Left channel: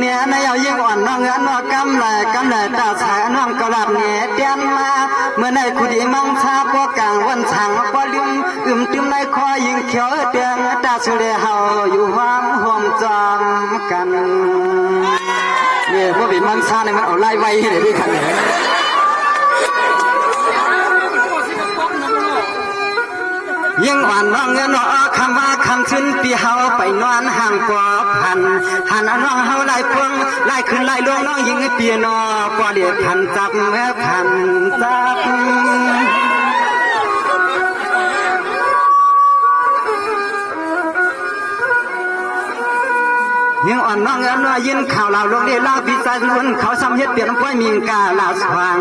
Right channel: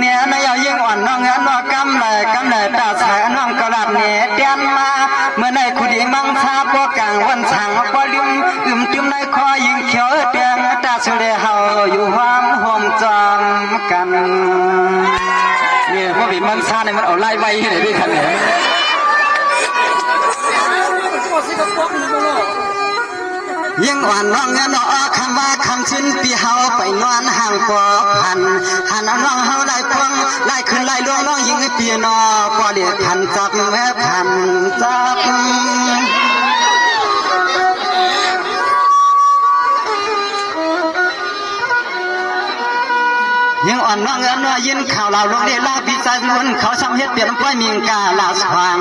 เนี่ยนายยิ่งอ่อนน้องน้องกำเลยตาสายน้องกระดาษเนี่ยเตียนมาเมื่อในขุดีมังชาก็กลางวันฉังก็ลืมตุ้มในคอยิงเขียวเตียงตาสุเลเฮาอยู่ห้องห่วงจองกันนี่ว่าบีมังชาเนี่ยมันเอาไล่ไว้เลยด้วยกันเนี่ย ยิ่งอ่อนน้องเงินออกคำว่าคำชิ้นปีเฮาไปนอนห่างกว่าพันหันน้องเฮาไล่ควงไล่ขึ้นไล่ลงน้องยิ่งเปียนอก็เรียกทันจับแม่ทันจับยังอ่อนน้องเงินยินข่าวเราลงได้ลาพิจารณเขาซ้ำเฮ็ดเปลี่ยนป้อยมิงกาลาสว่าง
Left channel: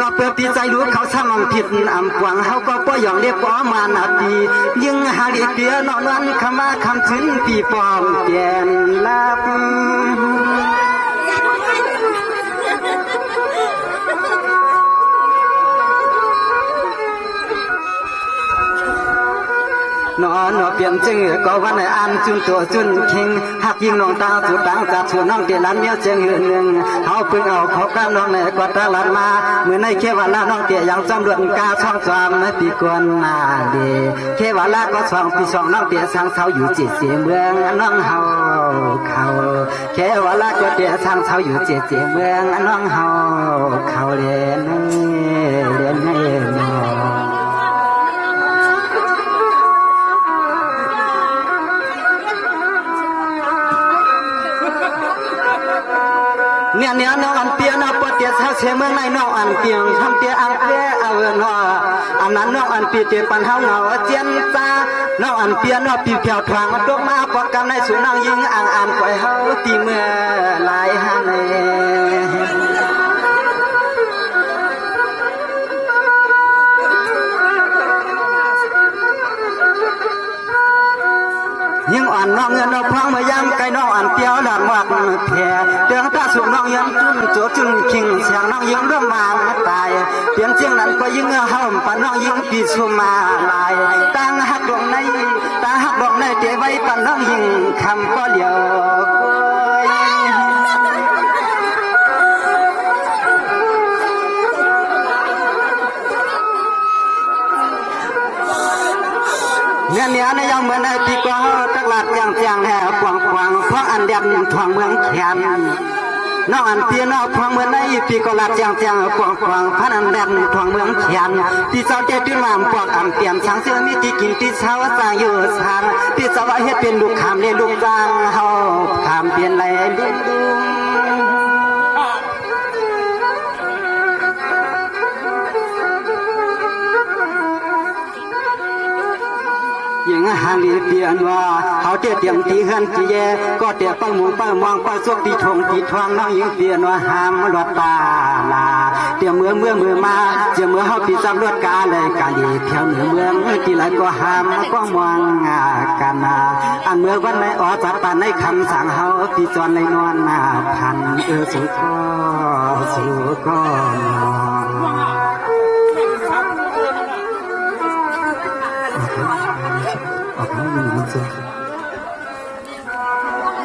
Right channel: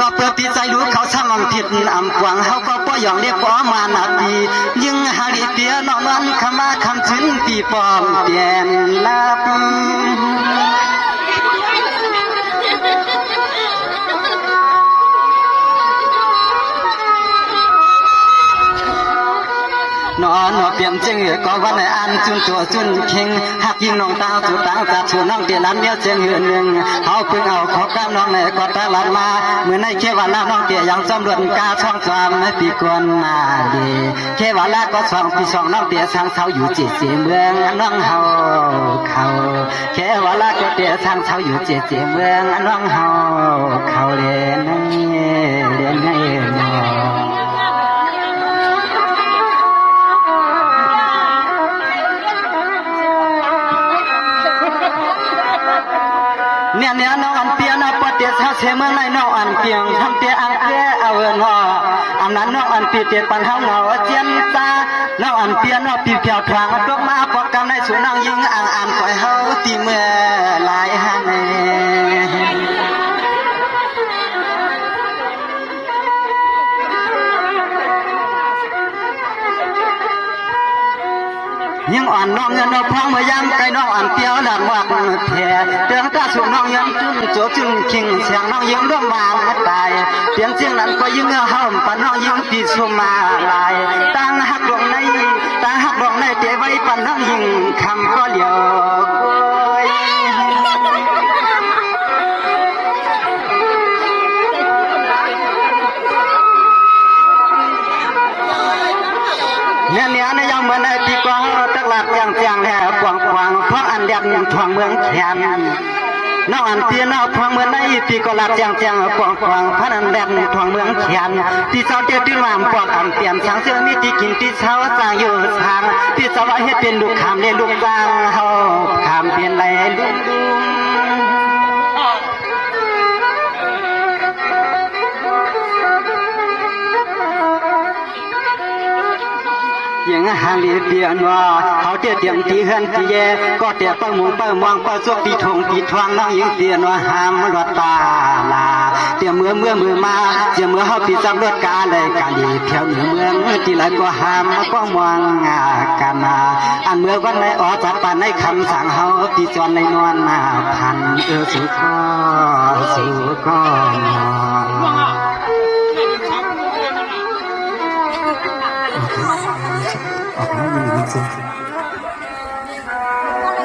ก็เปิดปีใจรู้เขาซ้ำมองผิดอำกวางเขาก็ป้อยหยองเรียบป้อมานาดียิ่งหาลีเปียนอนนั้นคำมาคำชิ้นปีปอมเปลี่ยนลับนอนเปลี่ยนจึงก็วันไหนอันจุนตัวจุนคิงหักยิงน้องตาจุดตังจัดชวนน้องเตียนนั้นเดียวจึงหนึ่งเขาพึ่งเอาขอบน้องในกอดตลาดมาเมื่อในเขวาลาน้องเตียยังจำรวจกาช่องจอมปีกวนนาดีเขวาลาก็ช่องปีช่องน้องเตียช่างเช้าอยู่จีจีเมืองน้องเฮาเขาเขวาลาก็เตียช่างเช้าอยู่จีจีเมืองน้องเฮาเขาเรียนเนี่ยน้องอันเปียนะปะเตียเขาเชเมืองในน้องอันเปียงทำเตียอังเกเอาเนาะอันนั้นน้องอันปีเตียปันเฮาเงาเจียนจ้าน้องอันเปียน้องปีเพียวทางดอกมาปอกกันในสุนังยิงอันปล่อยเฮาตีเมื่อลายฮันยิ่งอ่อนน้องเงินน้องพังมายังไกลน้องอ่อนเปียวดังวักแผ่เดืองตาสูงน้องยังจุนโจจุนคิงเสียงน้องยิงร่วมมาไม่ตายเสียงเสียงนั้นก็ยิ่งเฮิมปันน้องยิงปีสุมาลายตั้งหักดวงในเตะไว้ปันน้องยิงคำก็เดียวเนี่ยในยังเมื่อในปีกองตักหลักยังเจียงแห่กวางเพราะอันเดียนทวงเมืองแขนน้องอันเตียนเอาทวงเมืองในปีก็หลักยังกวางพระอันเดียนทวงเมืองแขนที่เจ้าเตี้ยที่มามกวางอันเตียนช้างเสือมีที่กินที่เช้าสร้างอยู่ทางที่เจ้าว่าเฮ็ดเป็นลูกขามเลยลูกกลางเฮาขามเปลี่ยนไหลลุงยังหาลีเปียนว่าเขาเตี้ยเตรียมตีเฮือนตีแย่ก็เตี้ยปังมุงปังมองปังซวกตีทงตีทวงน้องยิงเปียนว่าหามรถตาลาเตี้ยมือมาเจียมือเขาตีจำรถกาเลยการดีเพียวเมืองตีไหลก็หามก็มองกันนาอันเมื่อวันไหนอ๋อจัดปานในคำสั่งเขาตีจวนในนวลนาพันสู่ก็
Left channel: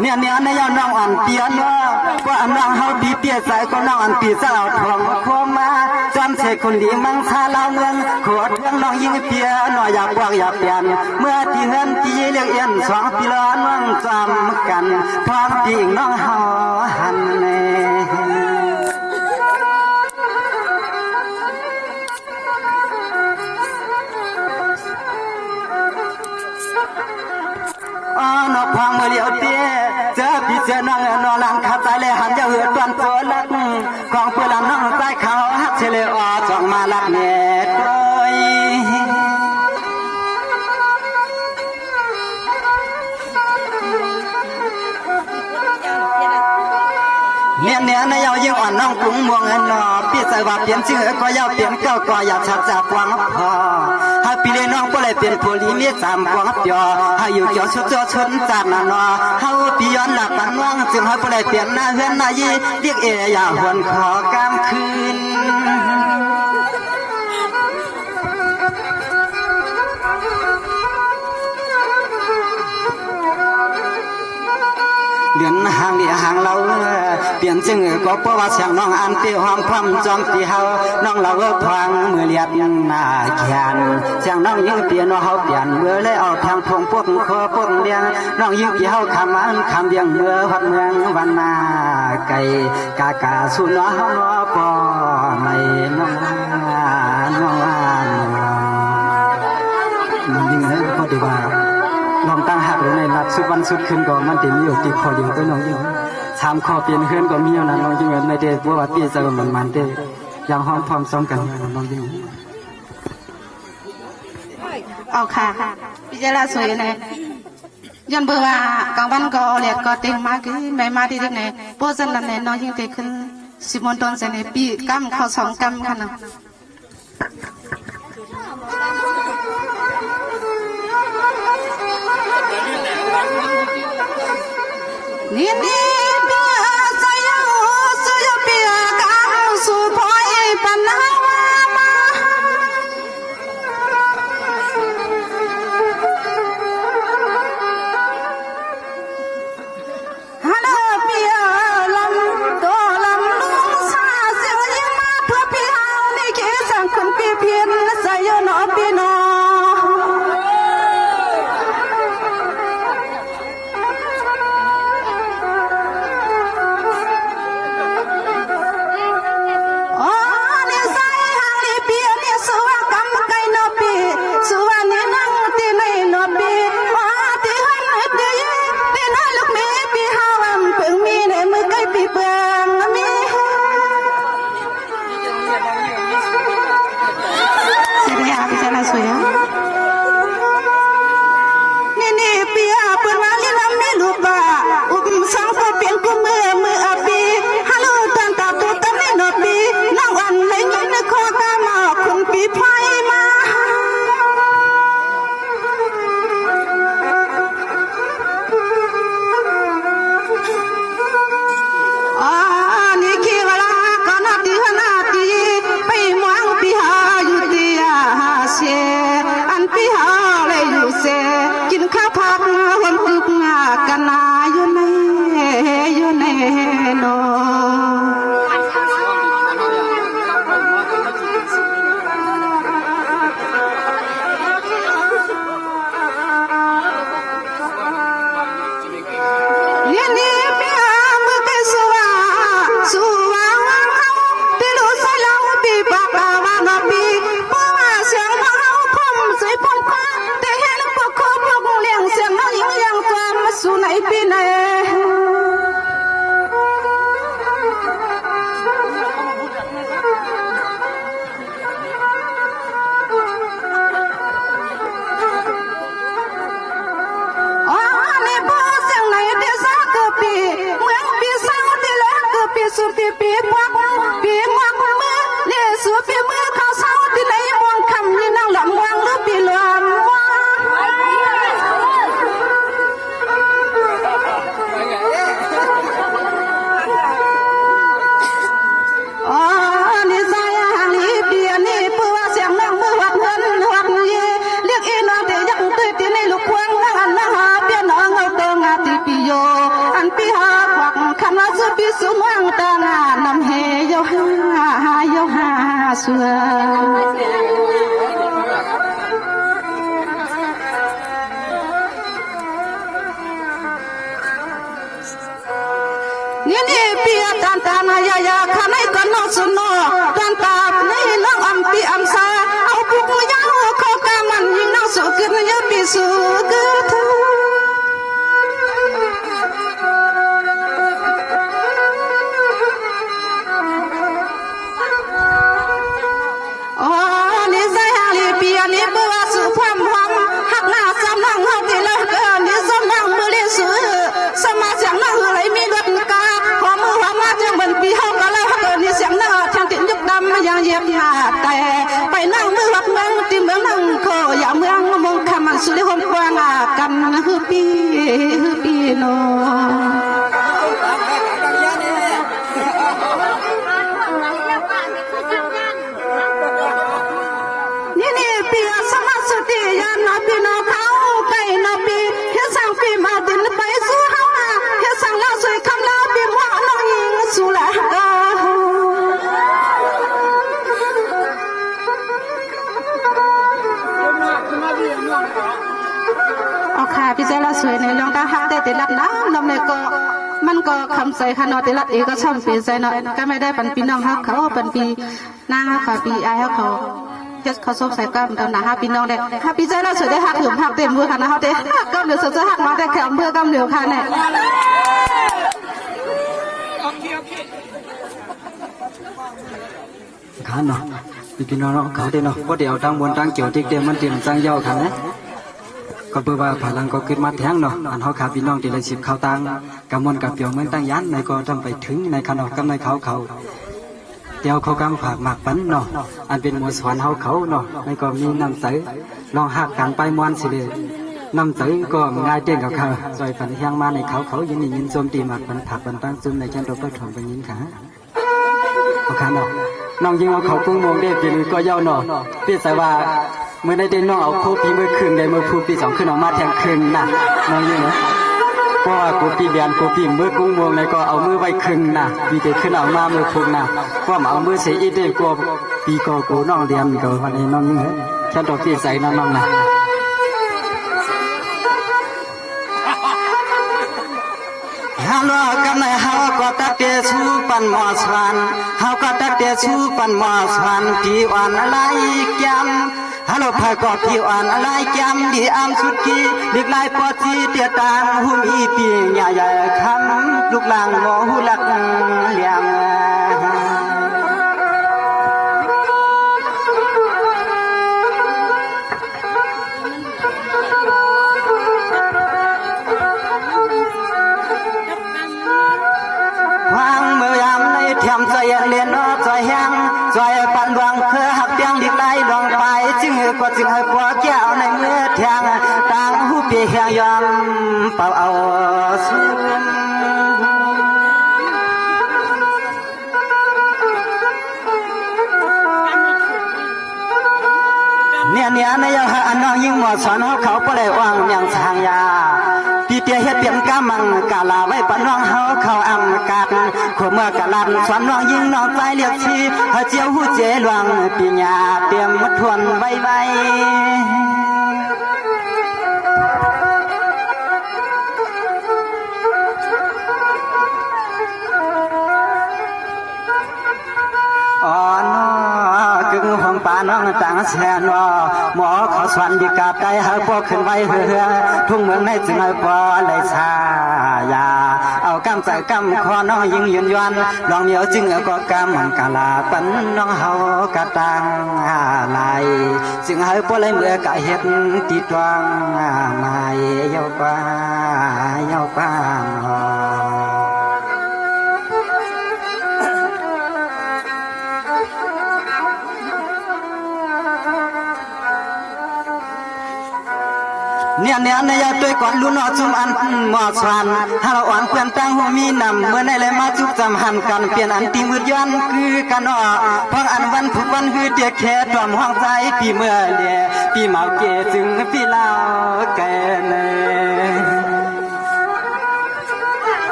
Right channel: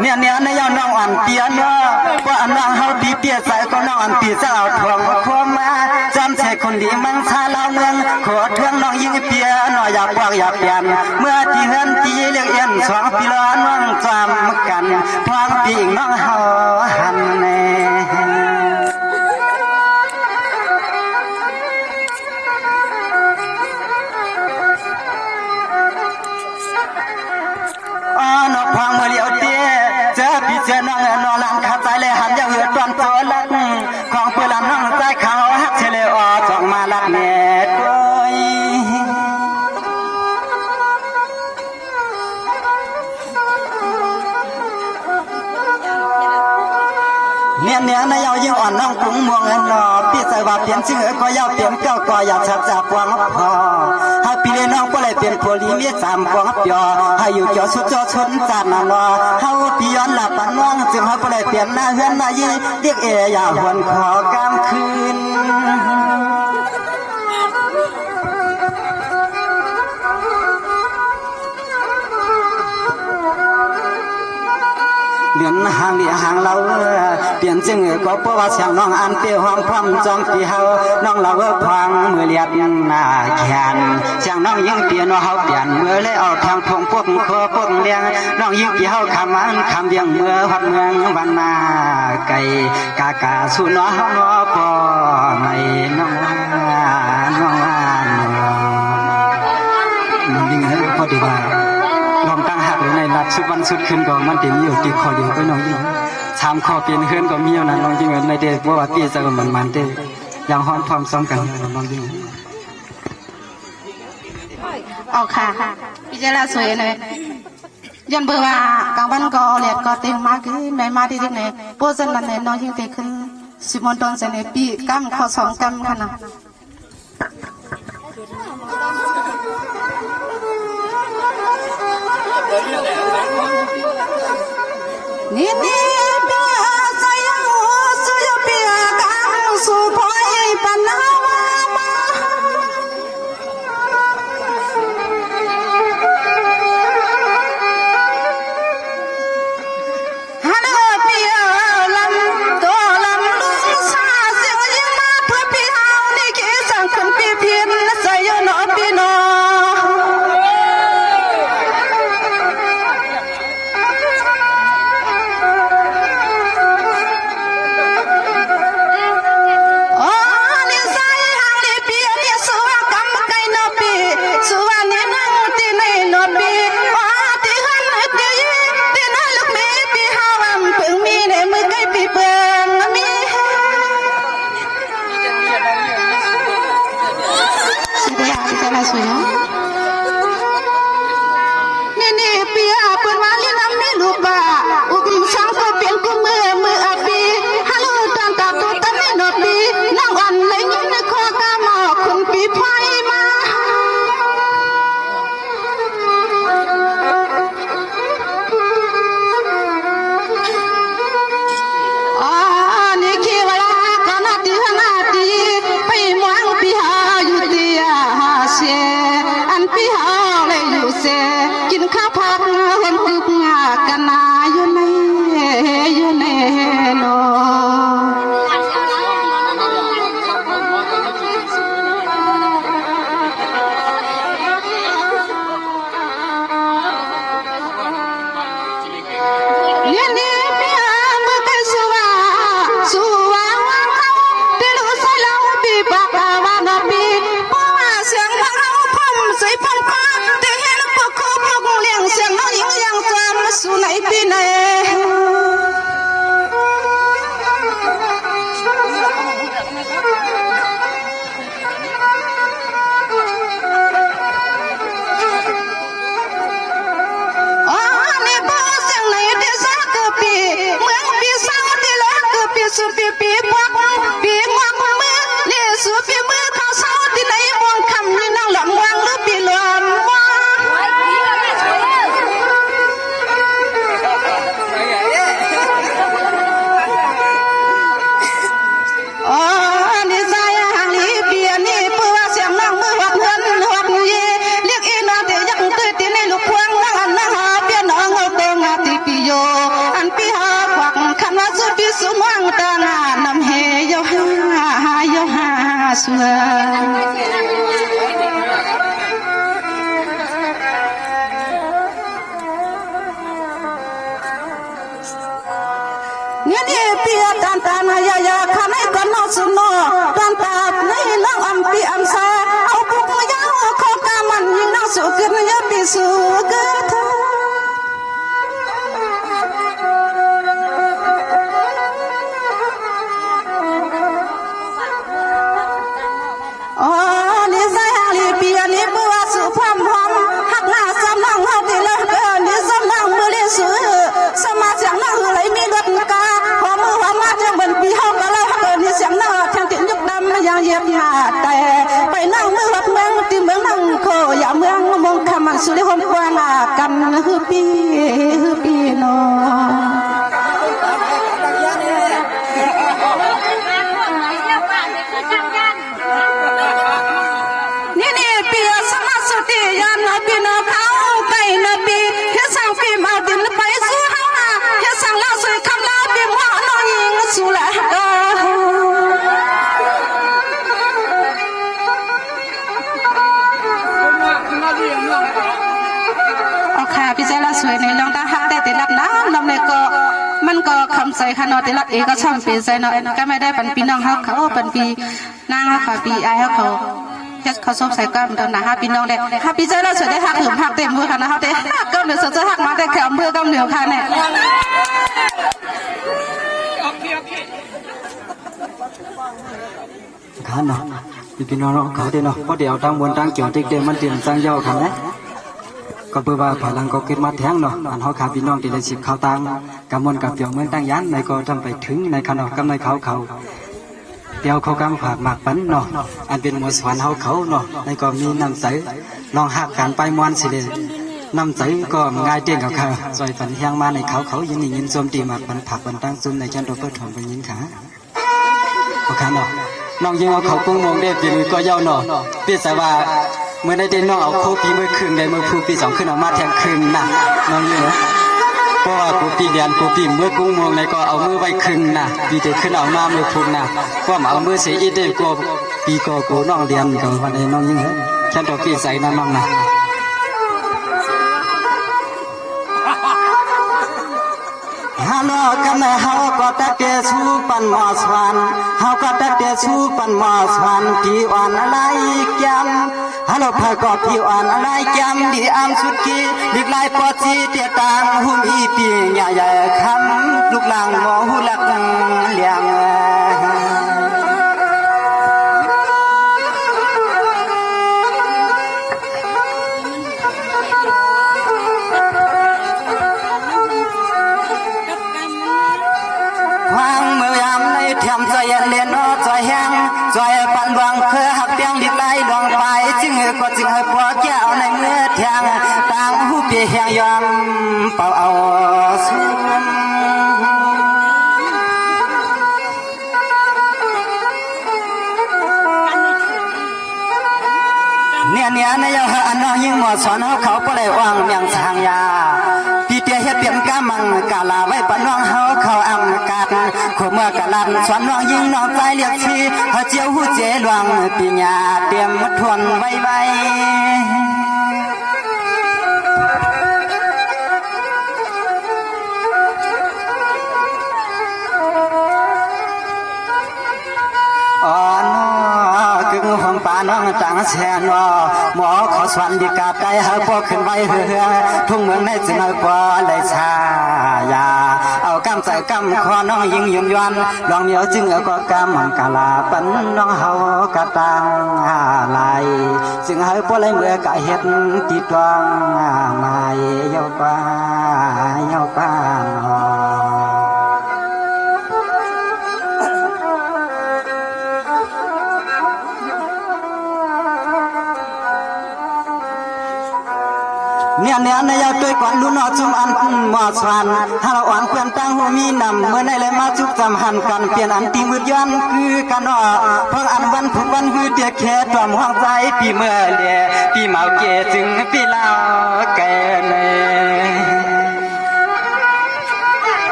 เนี่ยในยน้องอันเตียเนาะว่าอันน้องเฮาปีเปียใส่ก็น้องอันปีเจ้าทวงคมมาจำเสกคนดีมันชาลาเมืองหัวเครื่องน้องยิงเปียหน่อยอยากวางอยากเปลี่ยนเมื่อที่เฮือนที่เลี้ยงเอ็นสองปีละน้องจำกันทางปีน้องเฮาหันแน่พางเมื่อเลี้ยวเตี้ยเจอพี่เจอน้องนอนหลังขาใจเลยหันจะเหือดตอนโจลักของเพื่อนน้องใจเขาฮักเฉลยออกของมาลักเน็ตด้วยเนี่ยในยาวยิ่งอ่อนน้องกรุงมวงเงินนอพี่ใส่ว่าเปลี่ยนชื่อก็ยาวเปลี่ยนเก้าก็อยากชัดจากกวางพอให้พี่เลยน้องก็เลยเปลี่ยนโพลีมีสามกวางยอให้อยู่เจ้าชุดเจ้าชนจัดนานอเฮาพี่ย้อนหลับปันว่างจึงให้ก็เลยเปลี่ยนหน้าเฮือนหน้ายีเรียกอย่าหวนขอกลางคืนเดือนห่างเดียห่างเราเปลี่ยนจึงก็เพราะว่าเสียงน้องอันเตี้ยหอมพร้อมจำปีเฮาน้องเราพวางมือเลียดยังหน้าแขนเสียงน้องยิ่งเปลี่ยนว่าเฮาเปลี่ยนเมื่อเลยเอาทางพงพวกคอพวกเลี้ยงน้องยิ่งปีเฮาคำมันคำเบียงเมื่อวัดเมืองวันนาไก่กาสุนอปอไม่น้อง น้องยิงให้ก็ดีว่าลองตั้งหักหรือในรัดสุดวันสุดคืนก็มันเต็มอยู่ติดคอเดียวไปน้องยิงสามข้อเปลี่ยนเฮือนก็มีอยู่นะน้องยิงในเด็กว่าปีจะก็มันเด้ยังห้องพร้อมซ้อมกันน้องยิงออกค่ะพี่เจริญสวยเลยยันเบอร์ว่ากลางวันก็เลียดก็เต็มมากขึ้นไม่มาที่ตรงไหนโพสันนั่นเนี่ยน้องยิ่งเตะขึ้นสิบมณฑลเสนปีกำข้อ2 กำค่ะนะนี่เปียใจยังสุยเปียกังสุพอยปันนานี่เปียตันตานายายาข้าในกันนอสุนอตันตาในน้องอัมปีอัมซาเอาปุกยาวข้อกามันยิงน้องสุกินยาปีสุกทูอ๋อนี่ใจหาลีเปียนี่บัวสุพรรณหักหน้าซ้ำน้องเฮาตีเลิกนี่ซ้ำน้องมือเลี้ยสุสมาเสียงน้องไหลมีรถกาพอมือหันมาเจียงบนปีเฮาก็เลยนี่เสียงหน้าทางติดยึดดำยังเย็บหน้าแต่ไปนั่งมือวัดเมืองตีเมืองนั่งโคอย่าเมืองมงคำมันสุริหนกว่างกำฮือปีโนนี่เปียสมาสุติยานปีนเขาไก่นปีเฮสังปีมาดินไปสู้เฮาเฮสังลาสวยคำลาปีหัวน้องยิงสุละโอเคพี่เจ้าละสวยในลองตาหักแต่ติดรับน้ำลำเลยก็มันก็คำใส่ขนอติดรับเองก็ช่ำปีใส่เนาะก็ไม่ได้เป็นปีน้องฮักเขาเป็นปีนางฮักเขาปีไอฮักเขา เฮ็ดเขาซบใส่กันเดินนะฮะพี่น้องเด็กฮะพี่เจ้าน่าสวยได้หักหรือหักเต็มมือค่ะนะคะเด็กก็เหลือสดจะหักมาแต่แขมเพื่อกำเหนียวค่ะเนี่ยผ่านเนาะพี่น้องเขาเด้เนาะเพราะเดี๋ยวตั้งบนตั้งเกี่ยวติ๊กเดียวมันเตรียมตั้งย่อกันนะก็เพื่อว่าพลังก็ขึ้นมาแทงเนาะอันเขาขาพี่น้องที่เลยสิบเขาตังกำมวลกับเปียวเหมือนตั้งยันในก็ต้องไปถึงในขนมกำในเขาเปียวเขากำผากหมากปันเนาะอันเป็นหมวดสวรรค์เขาเนาะในก็มีน้ำใสลองหักกันไปมวนสิเลยน้ำใสก็ง่ายเตี้ยกับเขาซอยฝันเที่ยงมาในเขายังมียินโจมตีหมากปันผักปันตั้งซุ่มในชั้นตัวเปิดของเป็นยินขาโอเคเนาะน้องยิงเอาเขาปุ้งมงได้ปีนี้ก็เย้าเนาะพี่สว่าเมื่อได้เด่นน้องเอาโคปีเมื่อคืนได้เมื่อพูปี2ขึ้นออกมาแทงคืนน่ะน้องยิงเหรอเพราะว่ากูปีเดียนกูปีเมื่อกุ้งมงในก็เอามือไว้คืนน่ะปีเดียวขึ้นออกมาเมื่อพูน่ะก็มาเอามือเสียอีเดียกลัวปีก็กูน้องเรียนก็วันนี้น้องยิงเหรอแค่ตัวพี่ใส่น้องน่ะฮัลโหลกันเฮาก็ตักเตชูปันหมอสวนเฮาก็ตักเตชูปันหมอสวนที่อ่อนอะไรแก้มฮัลโหลพาก็ที่อ่อนอะไรแก้มดีอามสุกีลิกลายปอจีเตียตางหุ่มอีปีใหญ่ๆคำลูกหลังหมอหูหลักเลี้ยงเลียนอ้อใจแห้งใจปันดวงเคยหักเตียงดิบไหลดวงไปจึงก็จึงให้พอแก้วในเมื่อแทงต่างหูเปียแห้งยอมเป่าเอาสูงเนี่ยในยังอันน้องยิ่งหมดสอนเขาก็เลยว่างเมียงช้างยาพี่เตี้ยเฮ็ดเปลี่ยนกามังกาลาไว้ปนน้องเฮาเขาอังกาดขเมื่อกะลันสอนน้องยิงน้องใจเรียกชีเฮาเจียวหูเจหลวงปีญาเตรียมมาทวนไว้อ๋อน้อคืองูของป่าน้องต่างแสนว่าหมอเขาสวนดีกาใจหาพวกขึ้นไว้เฮือทุ่งเมืองในจึงให้พอเลยชายาเอากำใจกำคอน้องยิงยืนยันลองเหนียวจึงเอาก็กำมันกะลาปันน้องเฮากะตังลายจึงให้พวกเลยเมื่อกะเฮ็ดติดวังมาเยาป้าเนี่ยในยอดด้วยก่อนลุ้นอจุมอันหมอสวนฮาเราอ่อนเพื่อนตั้งหัวมีนำเมื่อในเลยมาจุกจำหันกันเปลี่ยนอันตีมือย้อนคือกันอ้อเพราะอันวันทุกวันคือเดียแค่ตรอมห้องใจปีเมื่อเลียปีเมาเกจึงปีลาวเกินเน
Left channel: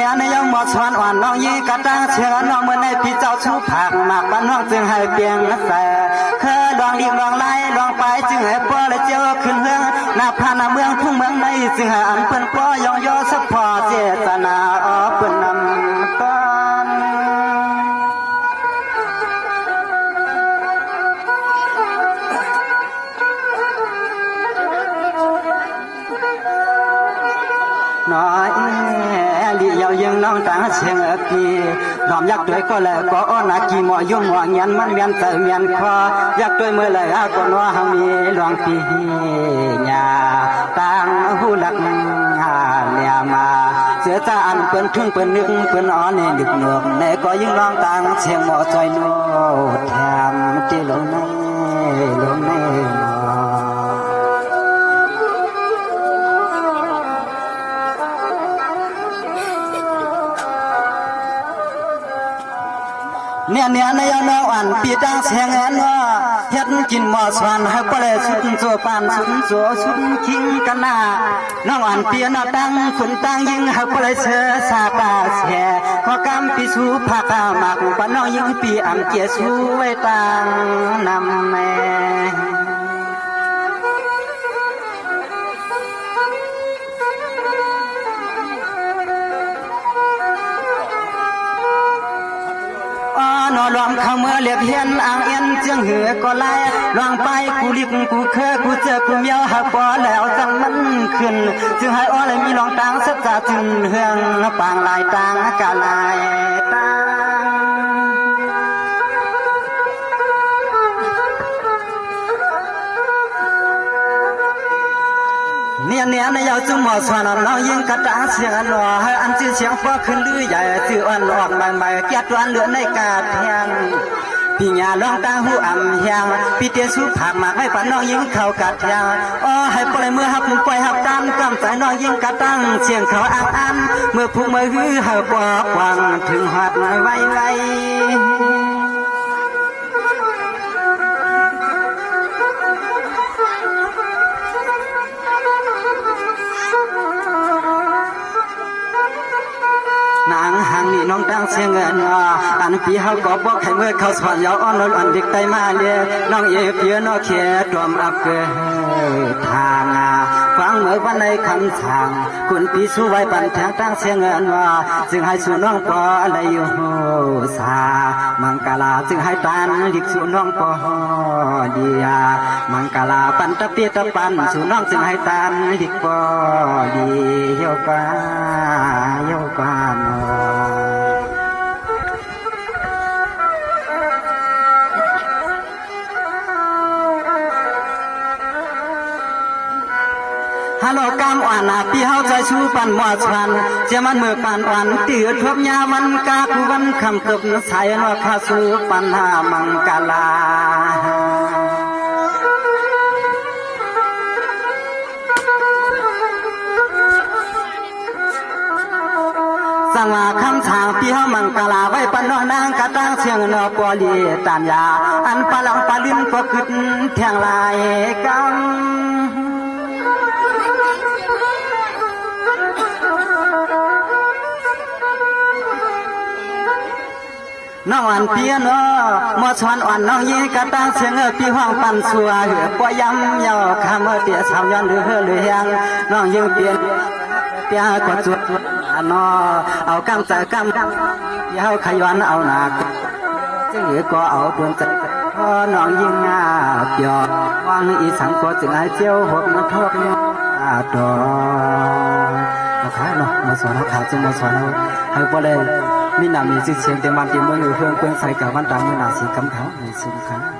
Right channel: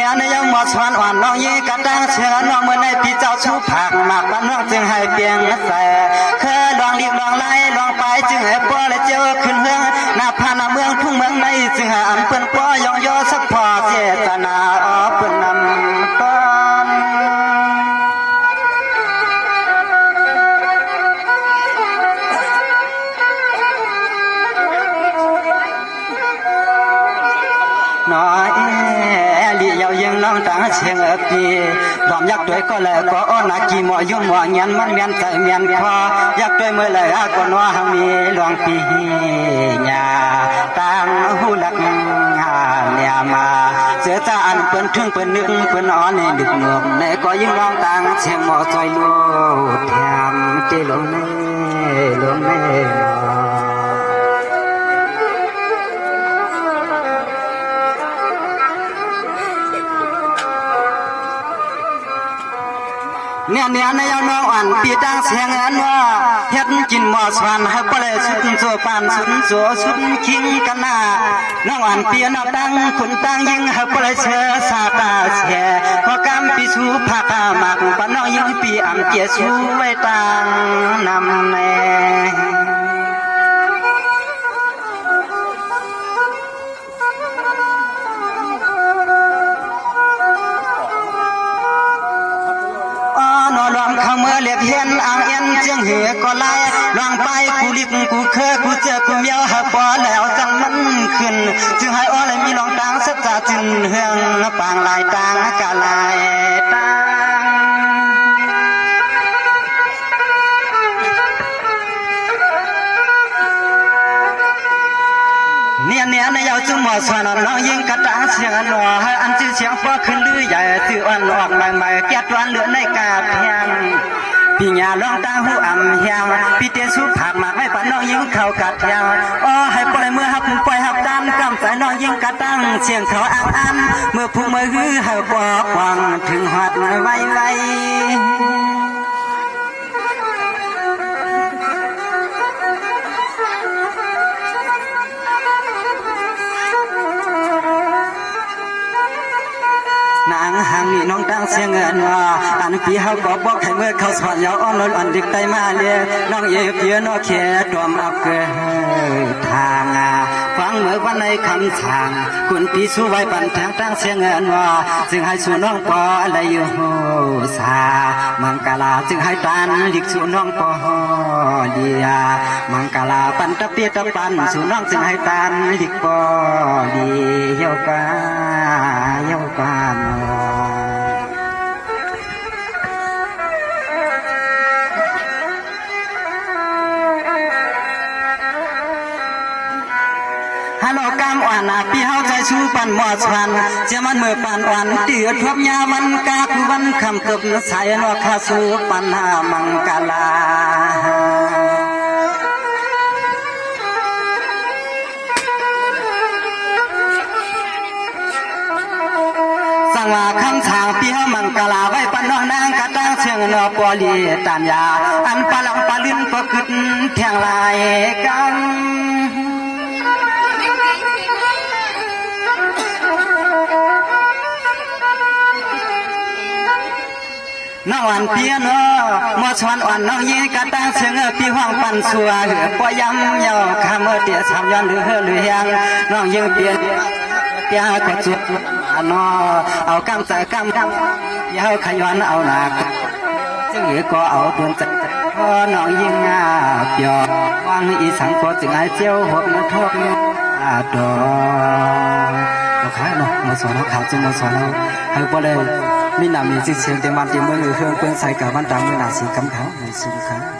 ี่ยในยังหมดสวนอ่อนน้องยีกระตังเชื่อน้องเมื่อในปีเจ้าชูผักหมากบ้านน้องจึงให้เปียงใส่เคยลองรีบลองไล่ลองไปจึงให้ป้อและเจ้าขึ้นเมืองหน้าพาหน้าเมืองทุ่งเมืองในจึงให้อันเปิ้นป้อยองย่อสักพอเจตนาออกเปิ้นนำต้นน้อยลีเยายังน้องต่างเชียงปีดอมยักษ์ด้วยก็เลยก็อ้อนกี่หมอยุ่งหมอเงียนมันเมียนใจเมียนคอยักษ์ด้วยมือเลยก็นัวหังมีหลวงปีญาต่างหูหลักเลียมาเสียจานเปิ้นถึงเปิ้นนึกเปิ้นอ่อนในดึกหนวกในก็ยิ่งร้องต่างเชียงหมอใจลูกแถมเจลงในเนี่ยในยน้องอ่อนปีตั้งเสียงอันว่าเฮ็ดกินหมอสวนให้ปลาสุดโซปานสุดโซสุดคิงกันนาน้องอ่อนปีน้องตั้งคนตั้งยิงให้ปลาเชื่อสาตาแช่ขอกำปีสูผักหมักปน้องยิงปีอันเจียสูไว้ตั้งนำแม่ เขาเมื่อเลียบเฮียนอ่างเอ็นเจียงเหอก็ไล่ลองไปกูลิกกูเคยกูเจอกูเมียวหาปอแล้วจังมันขึ้นจึงให้อ้อเลยมีลองตังสัจจะจึงเฮืองปางลายตังกะลายตังเนี่ยในยาวจุ่มหมอสวนน้องยิงกระตาเสียงอันหล่อให้อันชื่อเสียงฟ้าขึ้นลือใหญ่จื่ออันออกใหม่ๆเกียรติวันเหลือในกาเพียงพี่ยาลองตาหูอ่ำเฮียงพี่เตี้ยสู้ผักหมากไม่ปันน้องยิงเข้ากัดยาอ๋อให้ปล่อยมือหักมือปล่อยหักตามกำใจน้องยิงกระตั้งเสียงเขาอ่างอันเมื่อพุ่งมือฮือให้ปอกวังถึงหอดไว้นางหังนี่น้องตั้งเสียงเงินอันพี่เขาก็บอกให้เมื่อเขาสอนยาวอ่อนอ่อนเด็กไตมาเลียน้องเอเพียน้องเขียดวมอับเกยทางฟังเมื่อวันในคำสั่งคุณพี่สู้ไว้ปันแทงตั้งเสียงเงินจึงให้สู่น้องปออะไรอยู่สามังกลาจึงให้ตันดิกสู่น้องปอเดียมังกลาปันตะเปียตะปันสู่น้องจึงให้ตันดิกปอดีเยกานฮัลโหลกำอ่อนพี่เฮาใจชูปันหมอชันเจ้ามันเมื่อปันอ่อนเดือดทบยามันกาคือวันคำเกือบใส่นอคาสูปันหามังกลาสังว่าคำทางพี่เฮามังกลาไว้ปันน้องนางกะตั้งเชียงนอปอลีตานยาอันปะลังปะลิ้นปะกึดเทียงลายกำน้องอันเปียนมอชวนอ่อนน้องยีกะตั้งเชียงพี่ห้องปันสัวเหลือปอยำยอคำเตียสาวย้อนหรือยังน้องยืนเปียนเปียก็จุดนอเอากำใจกำยาวขย้อนเอาหนักจึงเหลือก็เอาปืนจัดพอน้องยิงเปียวังอีสังก็จึงให้เจียวหดมาทบดอมาขายเนาะมาสอนเขาขาจึงมาสอนเขาให้พอเลยมีหนามีจิตเสียงเต็มวันเต็มมือเฮืองเปื้อนใส่กับวันตามมือหนาสีกำเขาในสินค้า